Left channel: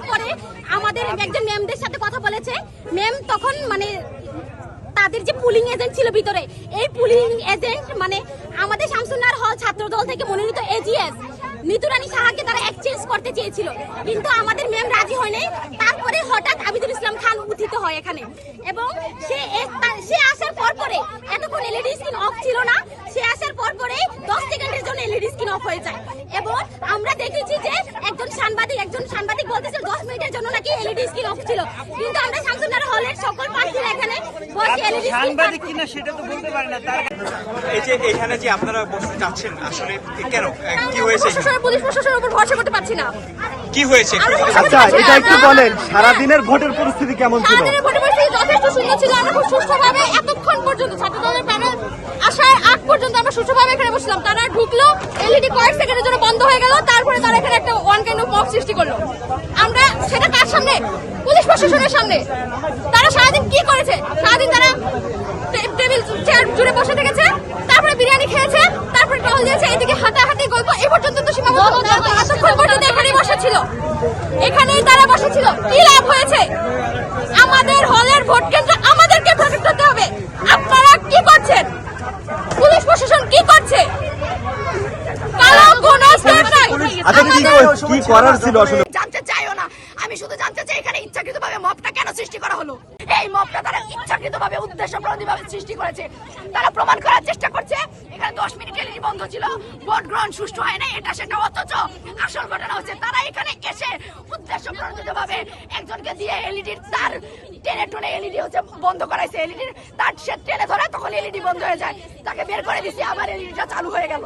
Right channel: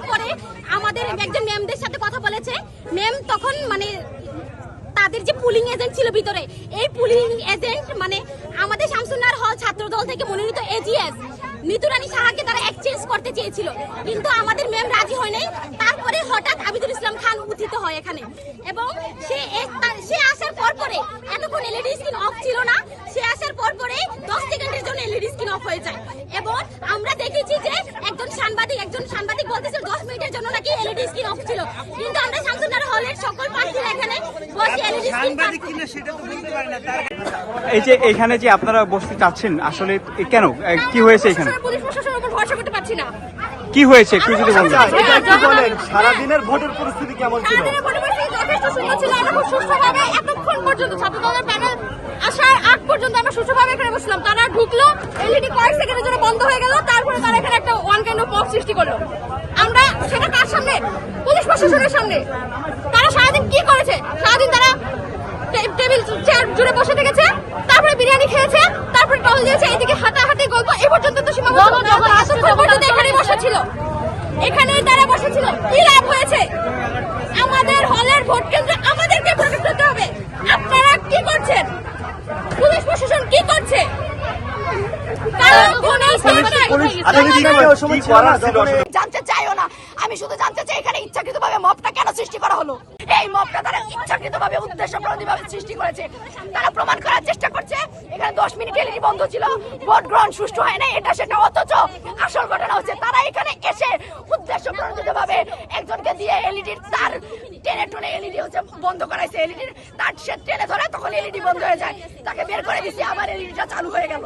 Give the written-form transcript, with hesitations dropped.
আসার পরে আমাদের একজন ম্যামদের সাথে কথা বলেছে। ম্যাম তখন মানে তাদের যে পুলিং এজেন্ট ছিল ভিতরে, এই পুলিং এজেন্ট মানে আমাদের শামসুন্নাহার হল ছাত্র দল থেকে মনোনীত এজিএস নিতু রানী সাহাকে তারা এক্সচেঞ্জ করতে চেয়েছিল, কিন্তু আমাদের ম্যাম রাজি হয় নাই। তারপরে হঠাৎ আবিদুল ইসলাম খান উত্থিত হয় এখানে, এবং সে আসার পরে এতক্ষণ এলইডি স্ক্রিন অফ ছিল না। সে আসার পরে 10 সেকেন্ডের জন্য এলইডি স্ক্রিন অফ হয়ে যায়, এবং আমরা দেখেছি যে একজন সাংবাদিক বলতেছে 10 মিনিটের জন্য নাকি এলইডি স্ক্রিন অফ ছিল, কিন্তু আমরা শামসুন্নাহার হলের সকল প্রার্থীরা এখানে বসে এলইডি সাংবাদিক কিনা সেটা তো বলতে পারে না। এই যে এখানে যে আপনারা বসতে চাচ্ছেন আসলে কেন, কি হয়েছে এখানে? পুলিশ প্রশাসনের উপর ভরসা করতে পারছি না। কি হয়েছে এটা একটু বলেন, সারাদিনের ভোটের পরিস্থিতি কেমন ছিল? সারাদিনের ভোটের পরিস্থিতি যথেষ্ট সুন্দর ছিল। আমরা খুব সুষ্ঠুভাবে এতক্ষণ পর্যন্ত ছাত্রদলের প্যানেল আসার আগ পর্যন্ত আমরা সুষ্ঠুভাবে এখানে বসলাম। তারা ঢুকলো, এলইডি কয়েক সেকেন্ডের জন্য বন্ধ হয়ে গেল, তারপরে তারা এখানে একটা ওয়ান কাইন্ড অফ মব সৃষ্টি করলো। আমরা সেটা কার সামনে? পুলিশ প্রশাসনের সামনে। তারা সারাদিন কি করেছে? সারাদিন তারা টেবিল চেয়ার জুড়ে বসে থেকেছে, তারপরে বিরিয়ানি খেয়েছে, তারপরে টহল দিয়েছে, এদিকে হাঁটাহাঁটি গল্প, এই পর্যন্ত তো সীমাবদ্ধ। এতক্ষণ পর্যন্ত এখানেই বসেছিল, এখানেই তারা বসেছিল। কি লাভ হয়েছে? আমাদের হলের ভোট কেন্দ্র আমাদেরকে প্রোটেক্ট করতে হবে। আপনারা কি করছেন? পুলিশ প্রশাসন কি করছে? কারো কোনো স্টেপ নাই। জানতে চাইও না, আমি শুধু জানতে চাই এখানে ইচ্ছাকৃতভাবে মবটা কেন সৃষ্টি করা হলো। এই মবটা তারা ইচ্ছাকৃতভাবে উদ্দেশ্যপ্রণোদিতভাবে সৃষ্টি করেছে। তারা প্রমাণ করার চেষ্টা করছে এখানে 10 মিনিট এলইডি বন্ধ ছিল, ভোট গ্রহণ সুষ্ঠু হয় না, এটা সেটা। অথচ আসল ঘটনা হচ্ছে তারা এখানে এসে উদ্দেশ্যপ্রণোদিতভাবে একজনকে দিয়ে এলইডির তার টেনে এলইডি হচ্ছে বন্ধ করাইছে। এলইডির তার সে টেনে ধরে, তখন এলইডি বন্ধ হয়ে যায়, তাকে বের করে দিছি, আবার এলইডিটা চালু হয়ে গেল।